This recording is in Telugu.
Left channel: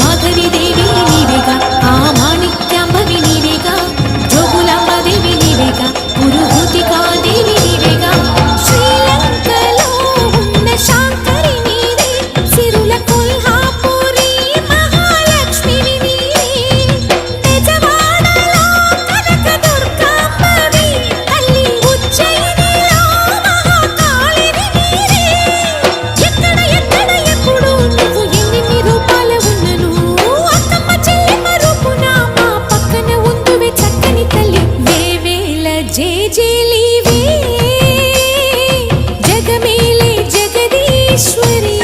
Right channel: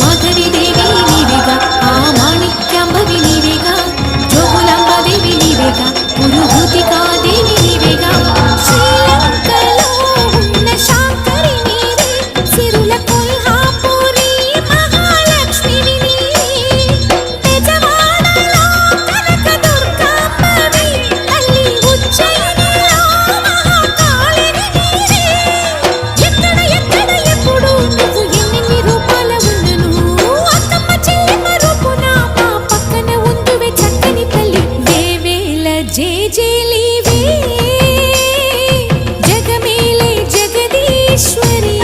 మాధవి దేవి నీవేగా, ఆ మాణిక్యాంబవి నీవేగా, జోగులాంబ దేవి నీవేగా, పురుహూతికా దేవి నీవేగా, శ్రీలంకలో ఉన్న శాంకరి నీవే, సిరుల కొల్హాపురి మహాలక్ష్మివి నీవే, బెజవాడలో కనక దుర్గాంబవి, తల్లి ఉజ్జయినిలో మహాకాళిని నీవే. ఎక్కడ ఎక్కడ ఎప్పుడు నువ్వు ఎన్నెన్ని రూపాల ఉన్నను, అక్కమ్మ చెల్లెమ్మ రూపున మా పక్కన ఉందువే చక్కని తల్లి. వేవేల జేజేలివే జగమేలే జగదీశ్వరి.